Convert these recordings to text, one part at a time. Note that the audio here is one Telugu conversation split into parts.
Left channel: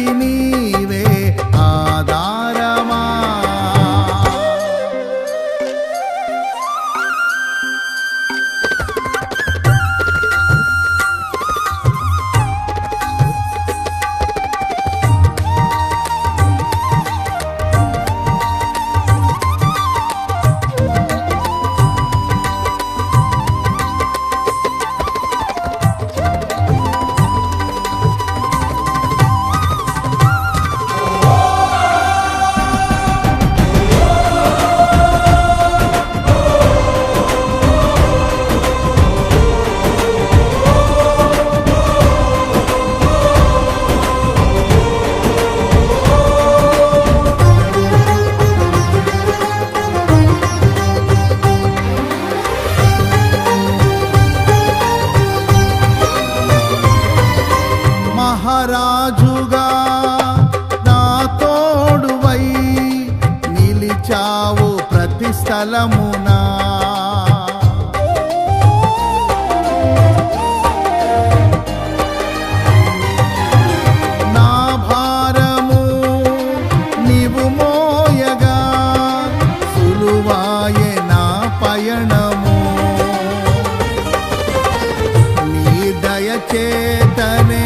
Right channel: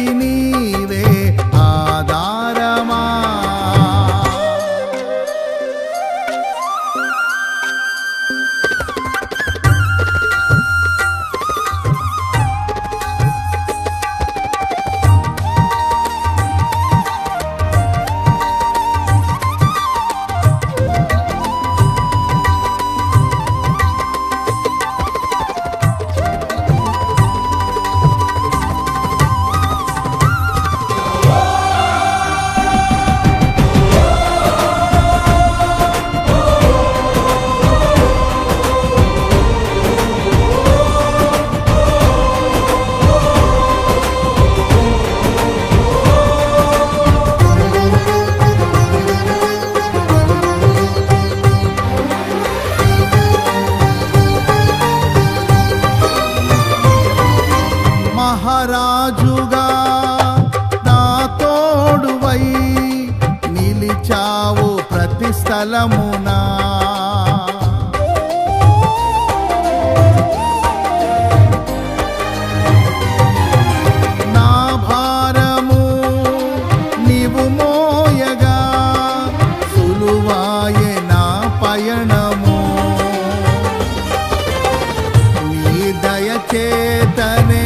జగతికి నీవే ఆధారమా? నిలిచావు ప్రతి స్థలమునా. నా భారము నీవు మోయగా సులువాయే నా పయణము నీ దయచేతనే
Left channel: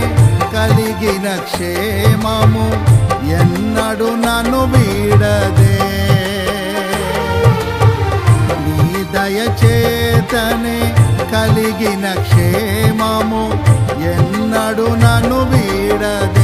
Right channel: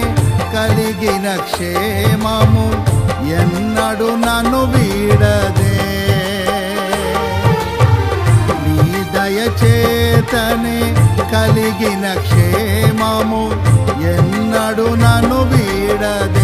కలిగిన క్షేమము ఎన్నడు నన్ను వీడదే. దయచేతనే కలిగిన క్షేమము ఎన్నడు నన్ను వీడదే.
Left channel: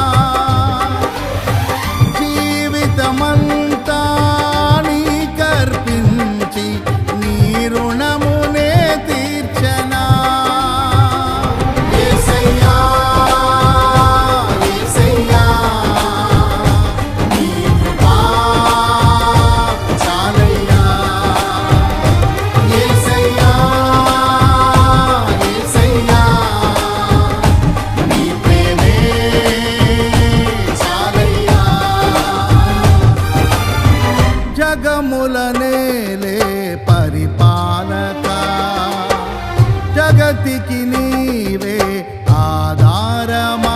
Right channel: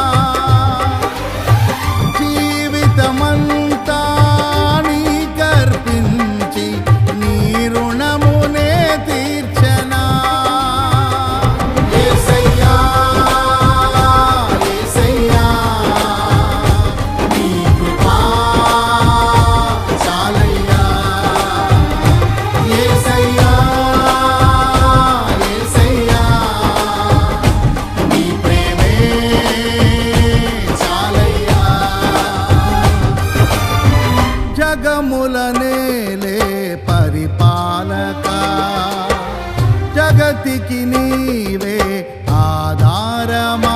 జగతికి నీవే ఆధారమా?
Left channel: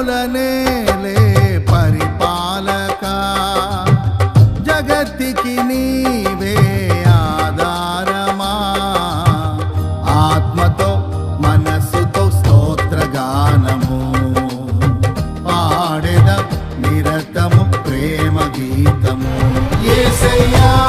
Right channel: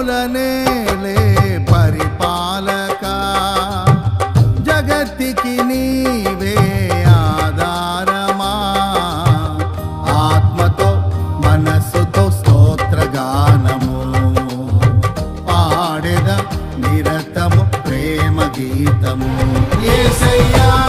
జగముల పరిపాలక. జగతికి నీవే ఆధారమా. ఆత్మతో మనస్సుతో స్తోత్రగానము. పాడెద నిరతము ప్రేమ గీతము ఏసయ్యా!